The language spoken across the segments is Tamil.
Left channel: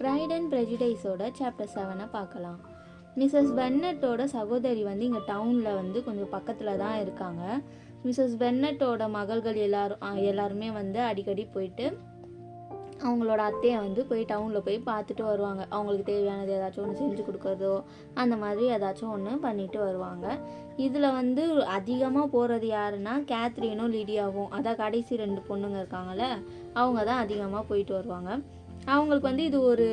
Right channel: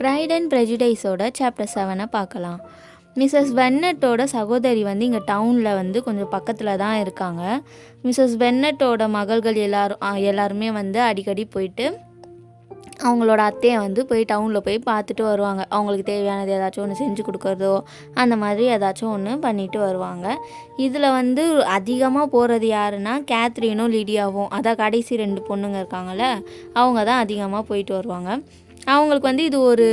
ப்ரைட் அண்ட் ப்ரெஜுடைஸோட சாப்டர் 7 பார்க்கலாம். மிஸ்ஸஸ் பென்னட்டோட சகோதரி வந்து இங்கே டவுனில் வந்து கொஞ்சம் பக்கத்தில் தான் இருக்காங்க. மிஸ்ஸஸ் பென்னட்டோட மகள்கள் எல்லாருமே வந்து அடிக்கடி போயிட்டு அவங்களோட அத்தையை வந்து போய் டவுனில் போய் பார்த்துட்டு வருவாங்க. அவங்களுக்கு தேவையானது ஏதாச்சும் ஒன்று செஞ்சு கொடுக்குறதோ அந்த மாதிரி ஏதாச்சும் ஒன்று பண்ணிட்டு வருவாங்க. இதில் வந்து அதிகமாக போகிறது யாருன்னா கேத்ரினும் லிடியாவும், அதான் கடைசி 2 பொண்ணுங்க இருக்காங்கள்ல, அவங்க தான் அதிகமாக போயிட்டு வருவாங்க. அவங்களுக்கு வந்து இது ஒரு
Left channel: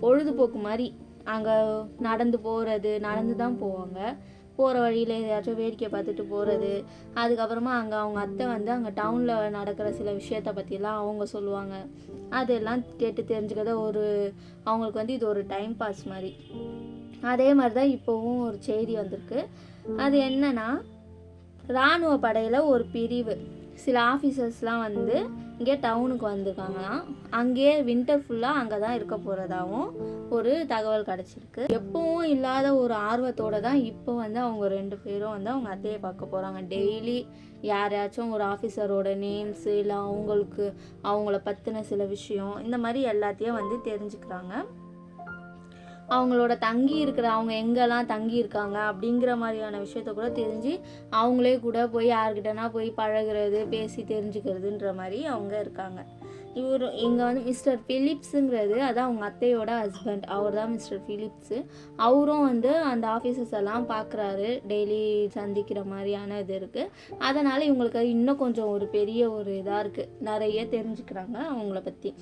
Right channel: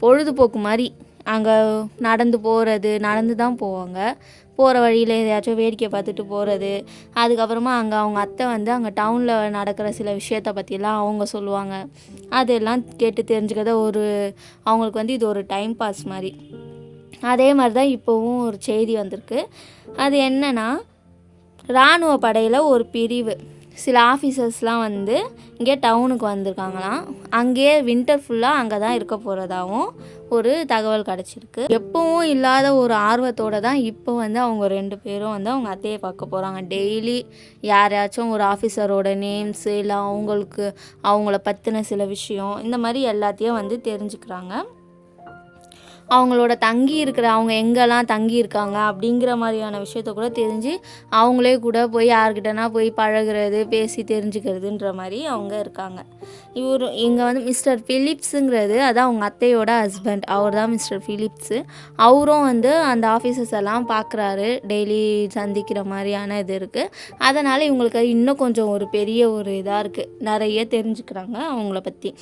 பொழுதுபோக்கு மாதிரி. அங்கே நடந்து தான் போவாங்க. போகிற வழியில் எதையாச்சும் வேடிக்கை பார்த்துட்டு போகிறது. அதுக்கப்புறமா அவங்க அத்தை வந்து அங்கே டவுனில் நடக்கிற சில விஷயத்தை பற்றிலாம் அவங்க சொல்லுவாங்க. அதெல்லாம் கேட்டு தெரிஞ்சுக்கிறத அவங்களுக்கு வந்து இது ஒரு டைம் பாஸ் மாதிரி. அதே மாதிரி தான் இப்போவும் ஒரு செய்தி வந்திருக்கு. அது என்னென்னா, இராணுவ படையில் ஒரு பிரிவு சில ஆஃபீஸர்ஸ்லாம் வந்து இங்கே டவுனுக்கு வந்திருக்காங்களாம். அங்கேயே வின்டர் ஃபுல்லாக அங்கே தான் இருக்க போகிறதாகவும் ஒரு தகவல் கிடச்சிருக்கு. எப்பவும் இல்லாத ஒரு ஆர்வத்தோடு தான் இப்போ வந்து அவங்க 2 பேரும் வந்து அவங்க அத்தையை பார்க்க போகிறாங்க. டெய்லி யாரையாச்சும் ஒரு ஆஃபீஸரோட நேம்ஸு இல்லை அவங்கள பற்றின சில விஷயம் இந்த மாதிரி எல்லாத்தையும் வந்து தெரிஞ்சுக்கிறாங்க. அவங்களோட அவங்க எங்கெல்லாம் தங்கி இருக்காங்க அப்படிங்கிற மாதிரியான விஷயத்த கூட தெரிஞ்சு அவங்களே கூட போய் யார்கிட்டனா போய் பழகிறது, பேசி தெரிஞ்சுக்கிறதுன்ற மாதிரி அவங்க இருக்காங்க. இங்கே வந்து மிஸ்டர் ஃபிலிப்ஸுங்கிறது அதான் அவங்க அத்தையோட ஹஸ்பண்ட், அவர் தான் மிஸ்டர் ஃபிலிப்ஸு. அவரும் வந்து அந்த ஆஃபீஸர்ஸ் எல்லாம் பார்க்குறாரு, டெய்லி சந்திக்கிற மாதிரியான இது இருக்குது. அதனால் இவங்களுக்கு இன்னும் கொஞ்சம் ஒரு பெரிய ஒரு இதாக இருக்குது, நிறைய தெரிஞ்சுக்கிறாங்க அவங்கள பற்றி.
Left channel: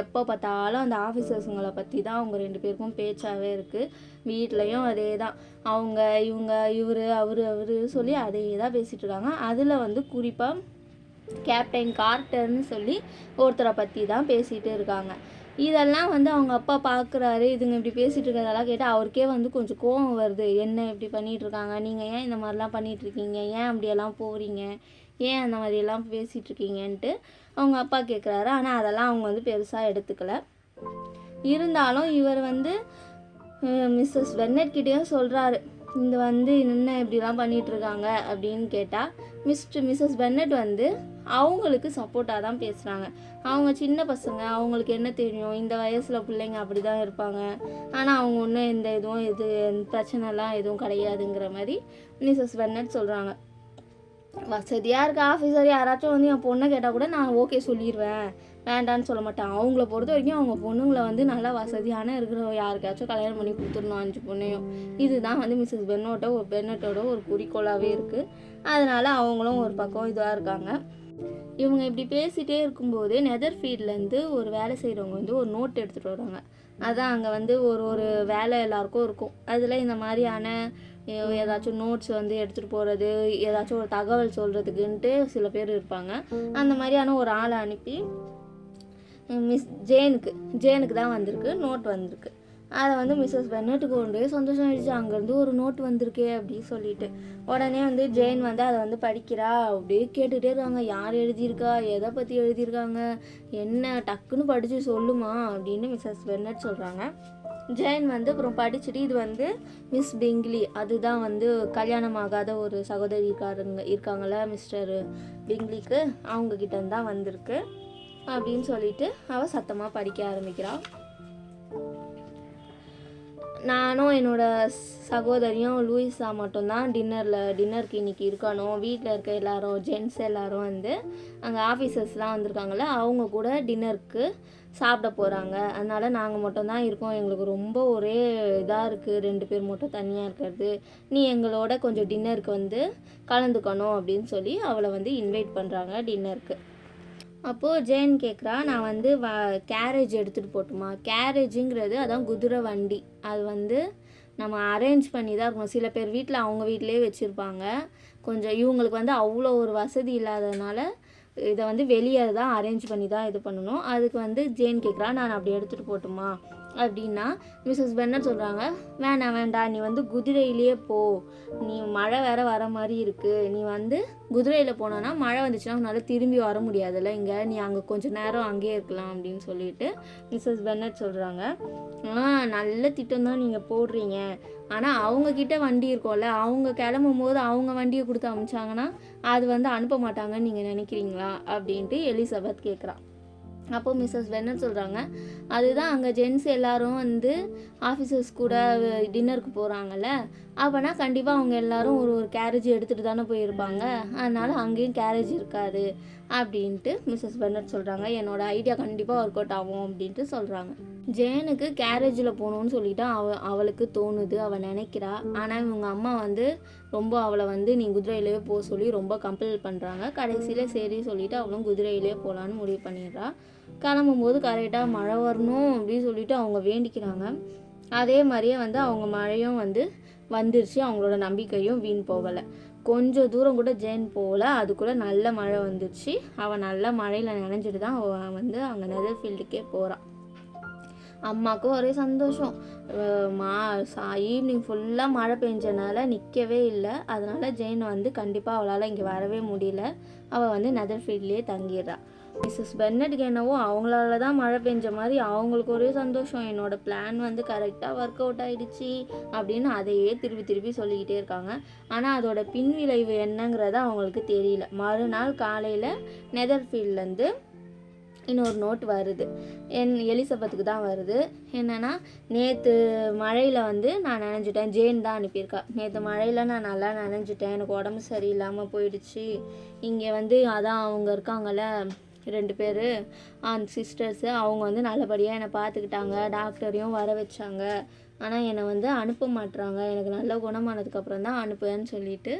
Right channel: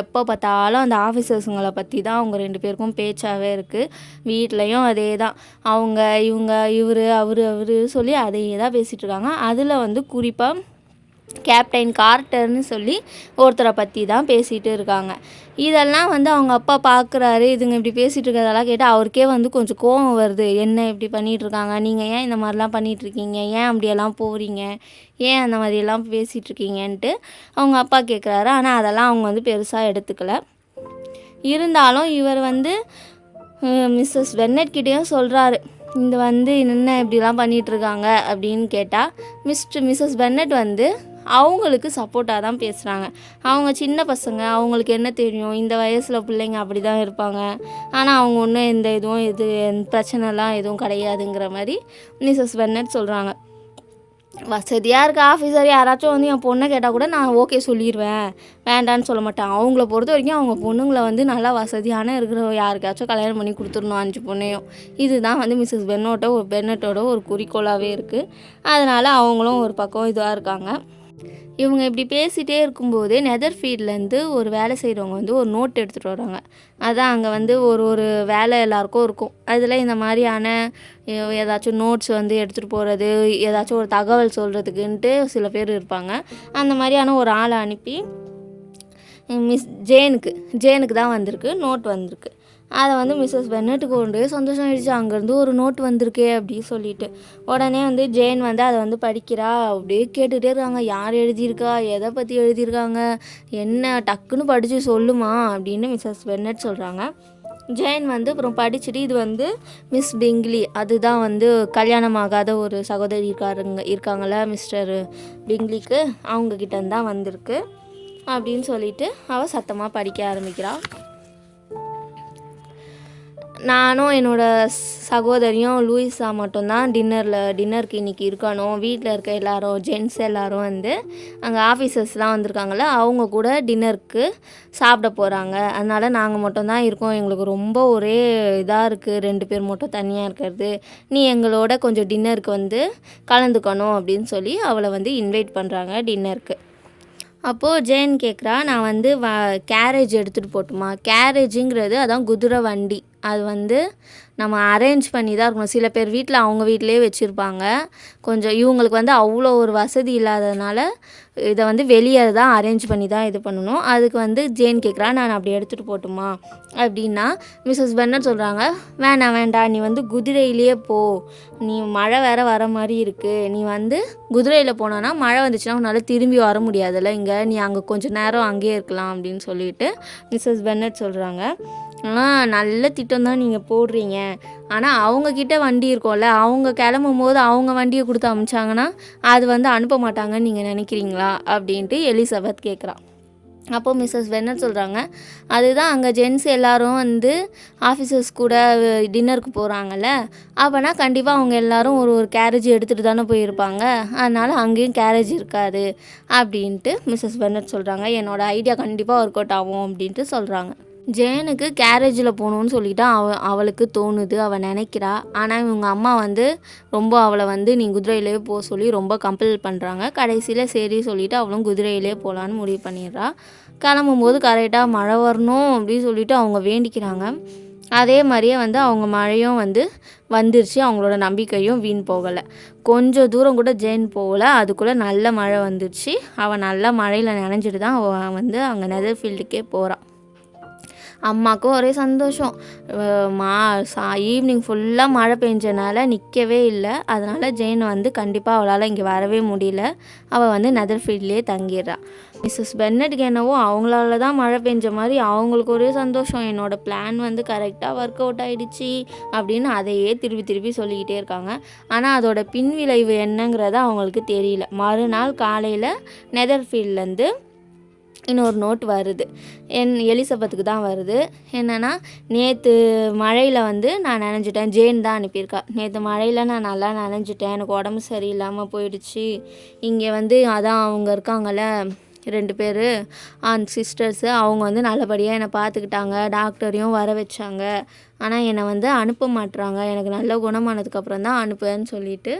எப்போ பார்த்தாலும் அந்த ஆஃபீஸர்ஸுங்களை பற்றி தான் அவங்க 2 பேருக்கும் பேச்சாகவே இருக்குது. வீட்லேயும் அதே தான், இவங்க அவர் சொல்லி அதையே தான் பேசிகிட்டு இருக்காங்க. அதில் வந்து குறிப்பாக கேப்டன் கார்ட்டர்னு சொல்லி ஒருத்தரை பற்றி தான் பேசிகிட்டு இருக்காங்க. இதெல்லாம் வந்து அவங்க அப்பா பார்க்குறாரு. இதுங்க இப்படி பேசிகிட்டு இருக்கிறதெல்லாம் கேட்டு அவருக்கே வந்து கொஞ்சம் கோவம் வருது. என்ன இப்படி பண்ணிகிட்ருக்காங்க, நீங்கள் ஏன் இந்த மாதிரிலாம் பண்ணிகிட்ருக்கீங்க, ஏன் அப்படியெல்லாம் போகிறீங்க, ஏன் அந்த மாதிரியெல்லாம் பேசிகிட்ருக்கீங்கன்ட்டு அவங்க அப்பா கேட்குறாரு. ஆனால் அதெல்லாம் அவங்க வந்து பெருசாக எடுத்துக்கல. இருந்தாலும் இவர் வந்து மிஸ்ஸஸ் பென்னட்கிட்டேயும் சொல்கிறாரு, இந்த வந்து என்ன இப்படிலாம் பண்ணிகிட்ருக்காங்க அப்படின்னு கேட்டால் மிஸ்ஸஸ் பென்னட் வந்து அவங்களுக்கு சப்போர்ட்டாக தான் பேசுகிறாங்க. அவங்க சின்ன பசங்க, அவங்களுக்கு என்ன தெரியும், இந்த வயசில் பிள்ளைங்க அப்படி தான் இருப்பாங்க, ஆனால் அவங்க ஒன்றும் எந்த பிரச்சனைலாம் எதுவும் கிடையாதுங்கிற மாதிரி மிஸ்ஸஸ் பென்னட் சொல்கிறாங்க. வசதியாக இருக்க ஆஃபீஸர் யாராச்சும் வந்து என் பொண்ணை கேட்டால் கூட நான் ஓகே சொல்லிடுவேன், வேண்டான்னு சொல்ல மாட்டேன். அவங்கள பொறுத்த வரைக்கும் அவங்க பொண்ணுங்களை வந்து நல்லா வசதியான இருக்கிற யாருக்காச்சும் கல்யாணம் பண்ணி கொடுத்துடணும், 5 பொண்ணையும். இதுதான் வந்து மிஸ்ஸஸ் பென்னட்டோட ஒரு குறிக்கோளாகவே இருக்குது. அதனால் அவங்களும் ஒரு பக்கம் இதாக இருக்காங்க. இவங்க இப்படி பேசிகிட்டே இருக்கும்போதே நெதர்ஃபீல்ட்லேருந்து ஒரு வேலை செய்கிறவங்க வந்து ஒரு நோட் எடுத்துகிட்டு வராங்க. அதான் அங்கே வந்து ஒரு வேலை எல்லாருக்கும் இருக்கும். அதில் இந்த மாதிரியான ஏதாச்சும் நோட்ஸ் வந்து எடுத்துகிட்டு போகிறது, ஏதாச்சும் ஒரு தகவல் சொல்கிறதுக்குன்ட்டு சில பேர் இருப்பாங்க. அந்த மாதிரியான ஒரு ஆளை அனுப்பி ஜேனுக்கு தான் வந்திருக்கு, நோட் வந்திருக்கு. அதை வந்து மிஸ்ஸஸ் பென்னட்டுக்கு கொண்டு சந்தோஷம் ஆகிடுச்சு. அங்கேருந்து ஒரு நோட் வந்திருக்கே அப்படின்னு சொல்லிட்டு உடனே வந்து ஜேன் வந்து அதை வந்து படிக்கிறா. அப்படியே கேட்டுகிட்டே இருக்காங்க, யார் எழுதியிருக்கா, எதை பற்றி எழுதியிருக்காங்க, என்ன டக்குன்னு படித்து சொல்லுமா அப்படின்னு மிஸ்ஸஸ் பென்னட் சொல்கிறாங்க. ஜேன் வந்து அப்புறம் படிச்சுட்டு இது வந்து மிஸ் பிங்லி, அதுதான் வந்து கல்யாணம் ஆகாத ஒரு சகோதரி இருக்காங்கள மிஸ்டர் பிங்லிக்கு, அவங்கக்கிட்ட தான் வந்திருக்கு அப்படின்னு சொல்லிட்டு அவள் சத்தமாக படிக்க ஆரம்பிக்கிறாள். நானும் என்னோடய சகோதரியும் லூயிஸா மட்டும்தான் டின்னருக்கு இன்றைக்கி இருக்கணும். வீட்டில் இருக்க எல்லோரும் ஜென்ட்ஸ் எல்லோரும் வந்து அங்கே ஆஃபீஸர்ஸ்லாம் வந்திருக்காங்கள, அவங்க கூட டின்னருக்கு சாப்பிட போகிறாங்க. அதனால் நாங்கள் மட்டும்தான் இருக்கோம். எங்களுக்கு ரொம்ப ஒரே இதாக இருக்குது, 2 பேர் மட்டும் தனியாக இருக்கிறது. நீ எங்களோட கொஞ்சம் டின்னருக்கு வந்து கலந்துக்கணும் அப்படின்னு சொல்லி அவளை வந்து இன்வைட் பண்ணுறாங்க டின்னருக்கு. அப்போது ஜேன் கேட்குறா, நான் வந்து கேரேஜ் எடுத்துகிட்டு போட்டுமா. கேரேஜுங்கிறது அதான் குதிரை வண்டி. அது வந்து நம்ம அரேஞ்ச் பண்ணி தான் இருக்கணும். சில பேர் வீட்டில் அவங்க வீட்டிலே வச்சுருப்பாங்க. கொஞ்சம் இவங்களுக்கு வந்து அவ்வளோ ஒரு வசதி இல்லாததுனால இதை வந்து வெளியே தான் அரேஞ்ச் பண்ணி தான் இது பண்ணணும். அதுக்கு வந்து ஜேன் கேட்குறா, நான் அப்படி எடுத்துகிட்டு போட்டுமா அப்படின்னா மிஸ்ஸஸ் பென்னட் சொல்கிறாங்க, வேண்டாம், நீ வந்து குதிரையிலேயே போ, நீ மழை வேறு வர மாதிரி இருக்குது, நீ வந்து குதிரையில் போனோன்னா மழை வந்துச்சுன்னா உன்னால் திரும்பி வர முடியாதுல்ல, இங்கே நீ அங்கே கொஞ்சம் நேரம் அங்கேயே இருக்கலாம் அப்படின்னு சொல்லிட்டு மிஸ்ஸஸ் பென்னட் சொல்கிறாங்க. நல்ல திட்டம் தான் நீங்கள் போடுறீங்க, ஆனால் அவங்கக்கிட்ட வண்டி இருக்கும்ல, அவங்க கிளம்பும் போது அவங்க வண்டியை கொடுத்து அனுப்பிச்சாங்கன்னா அது வந்து அனுப்ப மாட்டாங்கன்னு நீங்கள் நினைக்கிறீங்களா அப்படின்ட்டு எலிசபெத் கேட்குறா. அப்போது மிஸ்ஸஸ் பென்னட் சொல்கிறாங்க, அதுதான் அங்கே ஜென்ஸ் எல்லாரும் வந்து ஆஃபீஸர்ஸ் கூட டின்னருக்கு போகிறாங்கல்ல, அப்போனா கண்டிப்பாக அவங்க எல்லாரும் ஒரு ஒரு கேரேஜ் எடுத்துகிட்டு தானே போயிருப்பாங்க, அதனால் அங்கேயும் கேரேஜ் இருக்காது அப்படின்ட்டு மிஸ்ஸஸ் பென்னட் சொல்கிறாங்க. என்னோடய ஐடியா கண்டிப்பாக ஒர்க் அவுட் ஆகும் அப்படின்ட்டு சொல்கிறாங்க. ஜேனுக்கு கேரேஜில் போகணுன்னு சொல்லிட்டு அவளுக்கு தோணுது, அவள் நினைக்கிறா. ஆனால் இவங்க அம்மா வந்து ரொம்ப அவளை வந்து நீ குதிரையிலே போக சொல்லி ரொம்ப கம்பல் பண்ணுறாங்க. கடைசியில் சரி சொல்லிவிட்டு அவளும் குதிரையிலே போகலான்னு முடிவு பண்ணிடுறா. கிளம்பும்போது கரெக்டாக மழை வரணும் அப்படின்னு சொல்லிட்டு அவங்க வேண்டிக்கிறாங்க. அதே மாதிரியே வந்து அவங்க மழையும் வந்துருச்சு. அவங்களோட நம்பிக்கையும் வீண் போகலை. கொஞ்சம் தூரம் கூட ஜேன் போகலை, அதுக்குள்ளே நல்ல மழை வந்துருச்சு. அவள் நல்ல மழையில் நனைஞ்சிட்டு தான் அவள் வந்து அங்கே நெதர்ஃபீல்டுக்கே போகிறாள். அம்மாவுக்கும் ஒரே சந்தோஷம். ஈவினிங் ஃபுல்லாக மழை பெஞ்சனால நிற்கவே இல்லை. அதனால் ஜேன் வந்து கண்டிப்பாக அவளால் இங்கே வரவே முடியல. அவள் வந்து நெதர்ஃபீல்ட்லேயே தங்கிடுறாள். மிஸ்ஸஸ் பென்னட்டுக்கு என்னவோ அவங்களால தான் மழை பெஞ்ச மாதிரி அவங்களுக்கு ஒரே சந்தோஷம். என்னோடய பிளான் வந்து கரெக்டாக ஒர்க் அவுட் ஆகிடுச்சி அப்படின்னு அதையே திருப்பி திருப்பி சொல்லிக்கிட்டே இருக்காங்க. ஆனால் அதோட பின்விளைவு என்னங்கிறத அவங்களுக்கு தெரியல. மறுநாள் காலையில் நெதர்ஃபீல்ட்லேருந்து இன்னொரு நோட் வருது. எலிசபெத்துக்கு தான் வருது. என்னென்னா, நேற்று மழையில் வந்து நான் நனைஞ்சிட்டேன். ஜேன் தான் அனுப்பியிருக்கா. நேற்று மழையில் நான் நல்லா நனைஞ்சிட்டேன், எனக்கு உடம்பு சரியில்லாமல் போயிடுச்சு. இங்கே வந்து அதான் அவங்க இருக்காங்கள்ல 2 பேர் சிஸ்டர்ஸு, அவங்க வந்து நல்லபடியாக என்னை பார்த்துக்கிட்டாங்க, டாக்டரையும் வர வச்சாங்க. ஆனால் என்னை வந்து அனுப்ப மாட்டுறாங்க, எனக்கு நல்ல குணமானதுக்கப்புறம் தான் அனுப்புன்னு சொல்லிட்டு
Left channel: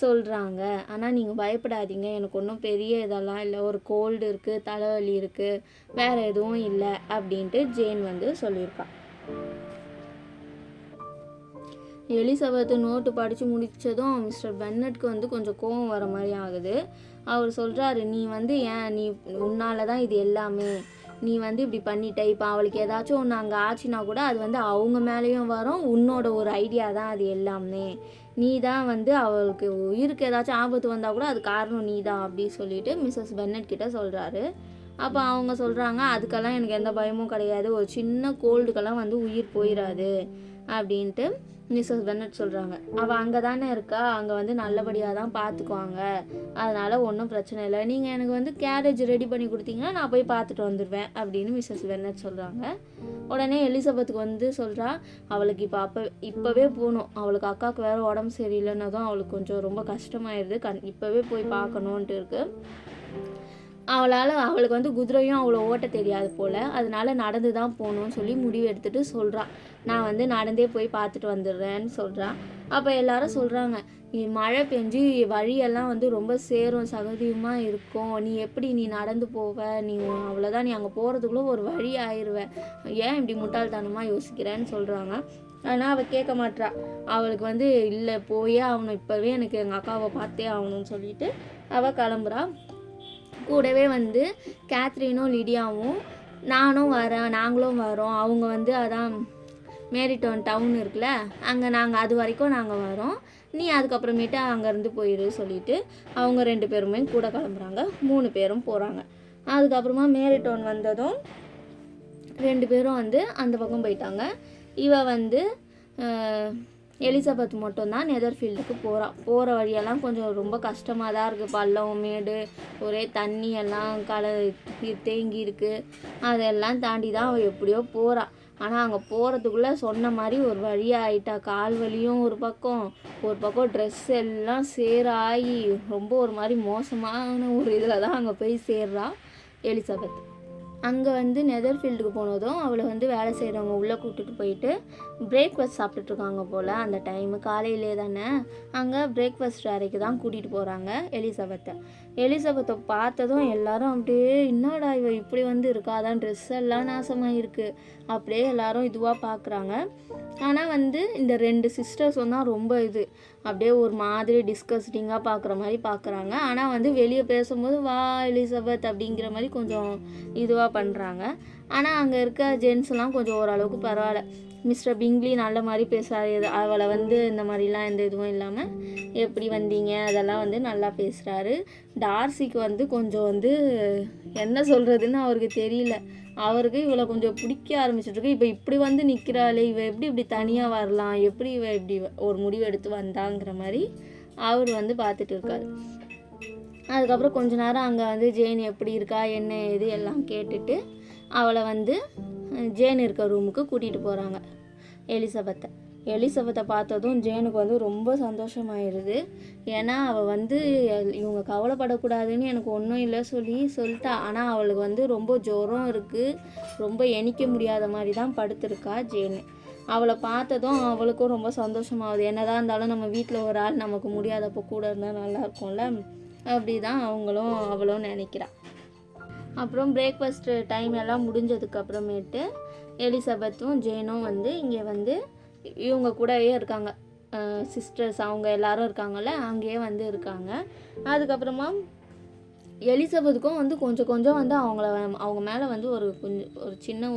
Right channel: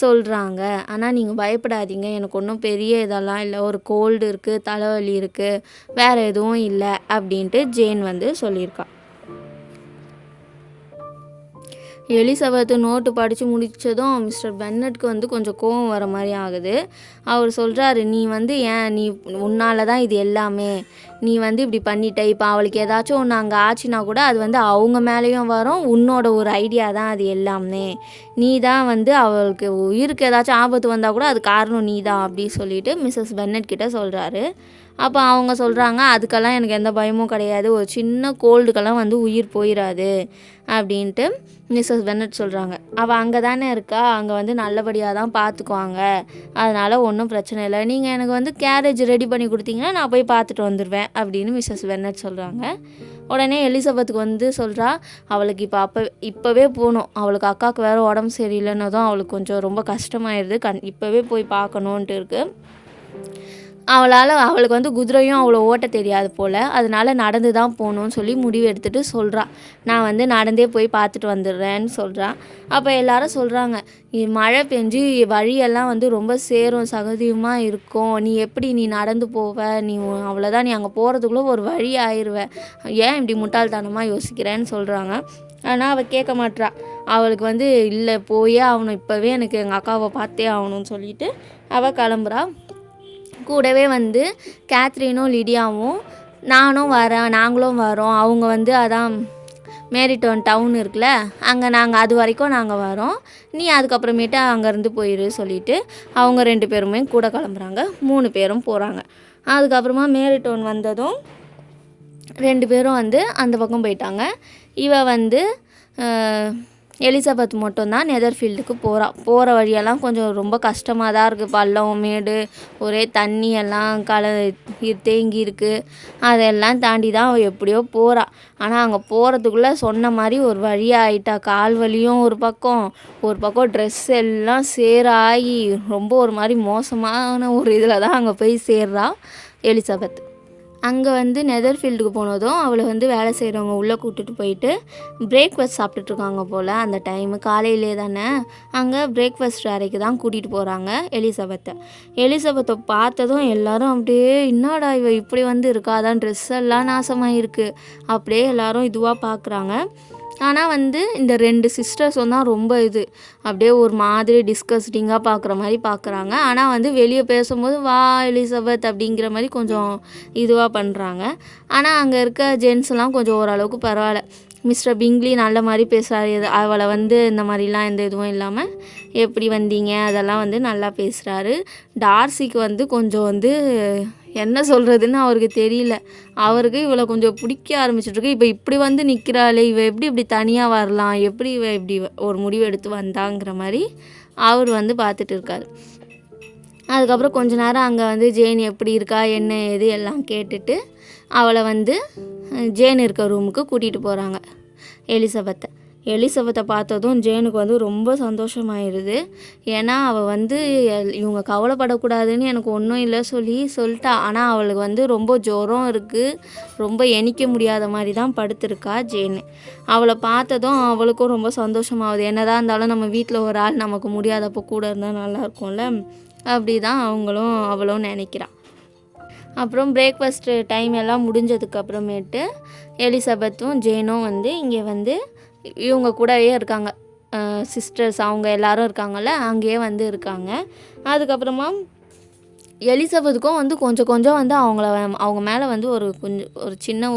சொல்கிறாங்க. ஆனால் நீங்கள் பயப்படாதீங்க, எனக்கு ஒன்றும் பெரிய இதெல்லாம் இல்லை, ஒரு கோல்டு இருக்குது, தலைவலி இருக்குது, வேறு எதுவும் இல்லை அப்படின்ட்டு ஜேன் வந்து சொல்லியிருக்கா. எலிசபெத்து நோட்டு படித்து முடித்ததும் மிஸ்டர் பென்னட்டுக்கு வந்து கொஞ்சம் கோவம் வர மாதிரி ஆகுது. அவர் சொல்கிறாரு, நீ வந்து நீ உன்னால தான் இது எல்லாமே, நீ வந்து இப்படி பண்ணிட்ட. இப்போ அவளுக்கு ஏதாச்சும் ஒன்று அங்கே ஆச்சுன்னா கூட அது வந்து அவங்க மேலேயும் வரும், உன்னோட ஒரு ஐடியா தான் அது எல்லாமே. நீ தான் வந்து அவளுக்கு உயிருக்கு ஏதாச்சும் ஆபத்து வந்தால் கூட அது காரணம் நீ தான் அப்படின்னு சொல்லிட்டு மிஸ்ஸஸ் பென்னட் கிட்ட சொல்கிறாரு. அப்போ அவங்க சொல்கிறாங்க, அதுக்கெல்லாம் எனக்கு எந்த பயமும் கிடையாது, ஒரு சின்ன கோல்டுக்கெல்லாம் வந்து உயிர் போயிடாது அப்படின்ட்டு மிஸ்ஸஸ் பென்னட் சொல்கிறாங்க. அவள் அங்கே தானே இருக்கா, அங்கே வந்து நல்லபடியாக தான் பார்த்துக்குவாங்க, அதனால் ஒன்றும் பிரச்சனை இல்லை. நீங்கள் எனக்கு வந்து கேரேஜ் ரெடி பண்ணி கொடுத்தீங்கன்னா நான் போய் பார்த்துட்டு வந்துடுவேன் அப்படின்னு மிஸ்ஸஸ் பென்னட் சொல்கிறாங்க. உடனே எலிசபெத்துக்கு வந்து சொல்கிறா, அவளுக்கு இப்போவே போகணும், அவளுக்கு அக்காவுக்கு வேறு உடம்பு சரியில்லைன்னதும் அவளுக்கு கொஞ்சம் ரொம்ப கஷ்டமாயிடுது, இப்போவே போய் பார்க்கணுன்ட்டு இருக்குது. அவளுக்கு வந்து குதிரையும் அவ்வளோ ஓட்ட தெரியாது போல், அதனால நடந்து தான் போகணுன்னு சொல்லி முடிவு எடுத்துகிட்டு சொல்கிறா. நான் வந்து நடந்தே போய் பார்த்துட்டு வந்துடுறேன்னு சொல்கிறா. அப்போ எல்லாரும் சொல்கிறாங்க, மழை பெஞ்சு வழியெல்லாம் வந்து ரொம்ப சேரும் சகதியுமாக இருக்கும், நீ நடந்து போவ, அவ்வளோதான், நீ அங்கே போகிறதுக்குள்ளே ஒரு வழி ஆயிடுவ, ஏன் இப்படி முட்டாள்தனமாக யோசிக்கிறேன்னு சொல்கிறாங்க. ஆனால் அவள் கேட்க மாட்றா. அவளுக்கு வந்து இல்லை, போயே ஆகணும், இப்போவே எனக்கு எங்கள் அக்காவை பார்த்தே ஆகணும்னு சொல்லிட்டு அவள் கிளம்புறா. கூடவே வந்து கேத்ரினும் லிடியாவும் நாங்களும் வரோம், அவங்க வந்து அதான் மேரிட்டோன் டவுன் இருக்குல்ல, அங்கே நாங்கள் அது வரைக்கும் நாங்கள் வரோம், நீ அதுக்கப்புறமேட்டு அங்கேருந்து போயிரு சொல்லிவிட்டு அவங்க 2 பேருமே கூட கிளம்புறாங்க. 3 பேரும் போகிறாங்க. அதுக்கப்புறமா மேரிட்டோன் வந்ததும் 2 பேரும் வந்து அந்த பக்கம் போயிட்டாங்க. இவ வந்து எலிசபெத் மட்டும்தான் நெதர்ஃபீல்டுக்கு போகிற வழியெல்லாம் கொஞ்சம் ரொம்ப கஷ்டமாக தான் இருக்குது. பள்ளம் மேடு, ஒரே தண்ணி எல்லாம் தேங்கி இருக்குது. அதெல்லாம் தாண்டி தான் அவள் எப்படியோ போகிறா. ஆனால் அங்கே போகிறதுக்குள்ளே சொன்ன மாதிரி ஒரு வழியாக ஆகிட்டா. கால் வலியும் ஒரு பக்கம் ட்ரெஸ் எல்லாம் சேராகி ரொம்ப ஒரு மாதிரி மோசமான ஒரு இதில் தான் அங்கே போய் சேர்றா எலிசபெத். அங்கே வந்து நெதர்ஃபீல்டுக்கு போனதும் அவளை வந்து வேலை செய்கிறவங்க உள்ளே கூப்பிட்டுட்டு போயிட்டு பிரேக்ஃபாஸ்ட் சாப்பிட்டுட்ருக்காங்க போல். அந்த டைமு காலையிலே தானே, அங்கே பிரேக்ஃபாஸ்ட் அறைக்கு தான் கூட்டிகிட்டு போகிறாங்க எலிசபெத்தை பார்த்ததும் எல்லோரும் அப்படியே, என்னடா இவ இப்படி வந்து இருக்கா, அதான் ட்ரெஸ் எல்லாம் நாசமாக இருக்குது, அப்படியே எல்லோரும் இதுவாக பார்க்குறாங்க. ஆனால் வந்து இந்த 2 சிஸ்டர்ஸும் தான் ரொம்ப அப்படியே ஒரு மாதிரி டிஸ்கஸ்டிங்காக பார்க்குற மாதிரி பார்க்குறாங்க. ஆனால் வந்து வெளியே பேசும்போது வா எலிசபெத் அப்படிங்கிற மாதிரி கொஞ்சம் இதுவாக பண்ணுறாங்க. ஆனால் அங்கே இருக்க ஜென்ஸ்லாம் கொஞ்சம் ஓரளவுக்கு பரவாயில்ல. மிஸ்டர் பிங்லி நல்ல மாதிரி பேசுகிறாரு, அவளை வந்து இந்த மாதிரிலாம் எந்த இதுவும் இல்லாமல் எப்படி வந்தீங்க அதெல்லாம் வந்து நல்லா பேசுகிறாரு. டார்சிக்கு வந்து கொஞ்சம் வந்து என்ன சொல்கிறதுன்னு அவருக்கு தெரியல. அவருக்கு இவளை கொஞ்சம் பிடிக்க ஆரம்பிச்சிட்ருக்கு. இப்போ இப்படி வந்து நிற்கிறாளே, எப்படி இப்படி தனியாக வரலாம், எப்படி இப்படி ஒரு முடிவு எடுத்து வந்தாங்கிற மாதிரி அவர் வந்து பார்த்துட்டு இருக்காரு. அதுக்கப்புறம் கொஞ்ச நேரம் அங்கே வந்து ஜேன் எப்படி இருக்கா என்ன ஏது எல்லாம் கேட்டுட்டு அவளை வந்து ஜேன் இருக்க ரூமுக்கு கூட்டிகிட்டு போகிறாங்க எலிசபெத்தை பார்த்ததும் ஜேனுக்கு வந்து ரொம்ப சந்தோஷமாயிருது. ஏன்னா அவள் வந்து இவங்க கவலைப்படக்கூடாதுன்னு எனக்கு ஒன்றும் இல்லை சொல்லிட்டா. ஆனால் அவளுக்கு வந்து ரொம்ப ஜுரம் இருக்குது, ரொம்ப எண்ணிக்க முடியாத மாதிரி தான் படுத்திருக்கா ஜேனு. அவளை பார்த்ததும் அவளுக்கும் ரொம்ப சந்தோஷமாகுது. என்னதான் இருந்தாலும் நம்ம வீட்டில் ஒரு ஆள் நமக்கு முடியாதப்போ கூட இருந்தால் நல்லாயிருக்கும்ல, அப்படி தான் அவளும் நினைக்கிறாள். அப்புறம் பிரேக்ஃபாஸ்ட்டு டைம் எல்லாம் முடிஞ்சதுக்கப்புறமேட்டு எலிசபெத்தும் ஜேனும் வந்து இங்கே வந்து இவங்க கூடவே இருக்காங்க. சிஸ்டர்ஸ் அவங்க எல்லாரும் இருக்காங்கள்ல, அங்கேயே வந்து இருக்காங்க. அதுக்கப்புறமா எலிசபெத்துக்கும் வந்து கொஞ்சம் கொஞ்சம் வந்து அவங்க மேலே வந்து ஒரு சின்ன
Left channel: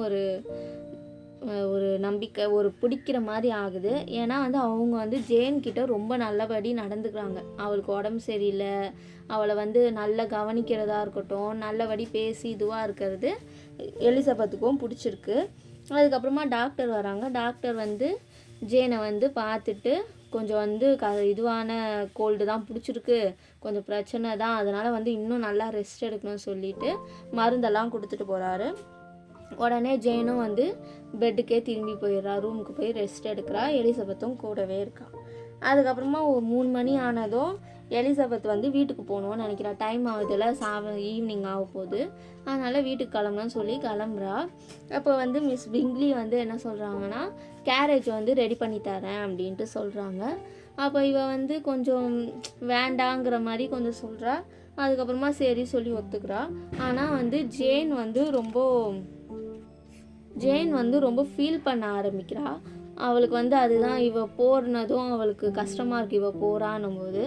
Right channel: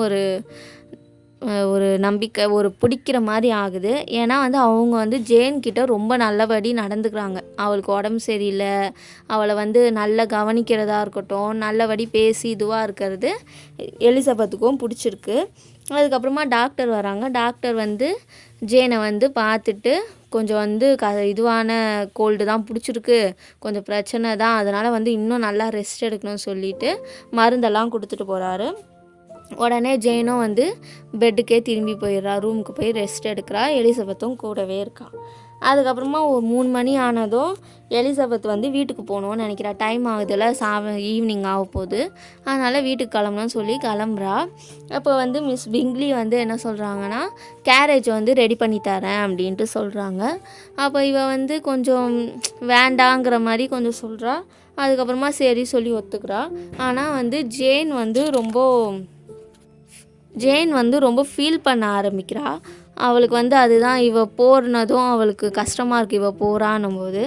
ஒரு நம்பிக்கை பிடிக்கிற மாதிரி ஆகுது. ஏன்னா வந்து அவங்க வந்து ஜேன் கிட்ட ரொம்ப நல்லபடி நடந்துக்கிறாங்க. அவளுக்கு உடம்பு சரியில்லை, அவளை வந்து நல்லா கவனிக்கிறதா இருக்கட்டும், நல்லபடி பேசி இதுவாக இருக்கிறது எலிசபெத்துக்கும் பிடிச்சிருக்கு. அதுக்கப்புறமா டாக்டர் வராங்க. டாக்டர் வந்து ஜேனை வந்து பார்த்துட்டு கொஞ்சம் வந்து இதுவான கோல்டு தான் பிடிச்சிருக்கு, கொஞ்சம் பிரச்சனை தான், அதனால் வந்து இன்னும் நல்லா ரெஸ்ட் எடுக்கணும்னு சொல்லிட்டு மருந்தெல்லாம் கொடுத்துட்டு போகிறாரு. உடனே ஜேனும் வந்து பெட்டுக்கே திரும்பி போயிடுறா, ரூமுக்கு போய் ரெஸ்ட் எடுக்கிறா. எலிசபெத்தும் கூடவே இருக்கா. அதுக்கப்புறமா ஒரு 3 மணி ஆனதும் எலிசபெத் வந்து வீட்டுக்கு போகணுன்னு நினைக்கிறா. டைம் ஆகுதுல்ல, ஈவினிங் ஆக போகுது, அதனால் வீட்டுக்கு கிளம்பணும்னு சொல்லி கிளம்புறா. அப்போ வந்து மிஸ் பிங்க்லி வந்து என்ன சொல்கிறாங்கன்னா, கேரேஜ் வந்து ரெடி பண்ணி தரேன் அப்படின்ட்டு சொல்கிறாங்க. அப்போ இவ வந்து கொஞ்சம் வேண்டாங்கிற மாதிரி கொஞ்சம் சொல்கிறா. அதுக்கப்புறமா சரி சொல்லி ஒத்துக்கிறா. ஆனால் வந்து ஜேன் வந்து ரொம்ப ஃபீல் பண்ண ஆரம்பிக்கிறா. அவளுக்கு வந்து அதுதான் இவ போறனதும் அவளுக்கு கஷ்டமாக இருக்குது இவ போகிறான்னும் போது.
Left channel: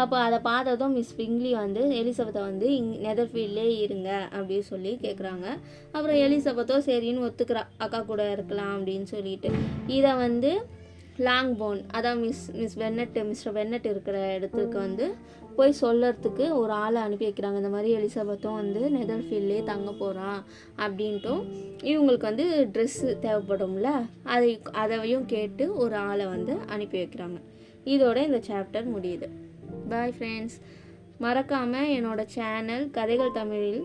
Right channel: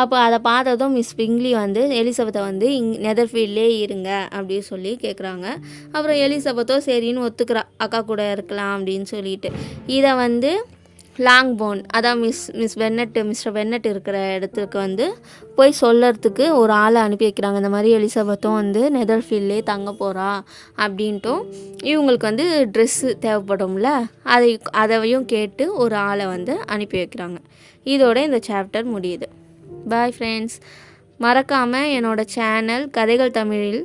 அப்போ அதை பார்த்ததும் மிஸ் பிங்க்லி வந்து எலிசபெத்தை வந்து நெதர்ஃபீல்ட்லேயே இருங்க அப்படின்னு சொல்லி கேட்குறாங்க. அப்புறம் எலிசபெத்தோ சரின்னு ஒத்துக்கிறா, அக்கா கூட இருக்கலாம் அப்படின்னு சொல்லிட்டு. இதை வந்து லாங்போர்ன், அதான் மிஸ்டர் பென்னட் இருக்கிற இடத்துக்கு வந்து போய் சொல்லறதுக்கு ஒரு ஆளை அனுப்பி வைக்கிறாங்க. இந்த மாதிரி எலிசபெத்தும் வந்து நெதர்ஃபீல்ட்லேயே தங்க போகிறா அப்படின்ட்டும், இவங்களுக்கு வந்து ட்ரெஸ்ஸு தேவைப்படும்ல, அதையும் கேட்டு ஒரு ஆளை வந்து அனுப்பி வைக்கிறாங்க. இதோட இந்த சாப்டர் முடியுது. Bye friends. மறக்காமல் என்னோடய சேனல் கதைகள் தமிழில்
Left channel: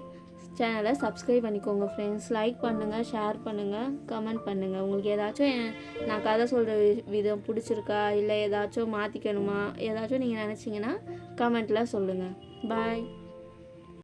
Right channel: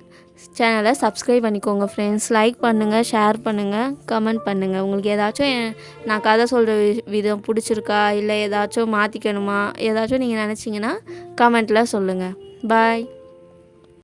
சேனலை சப்ஸ்கிரைப் பண்ணிக்கோங்க ஃப்ரெண்ட்ஸ். லைக் பண்ணுங்கள், ஷேர் பண்ணுங்கள், கமெண்ட் பண்ணுங்கள். உங்களுக்கு ஏதாச்சும் நான் கதை சொல்கிற விதம் பிடிச்சிருக்கா, இல்லை ஏதாச்சும் மாற்றிக்கணுமா, ஏதாச்சும் நீங்கள் நினச்சிங்கன்னா கமெண்ட்டில் சொல்லுங்கள். பாய்.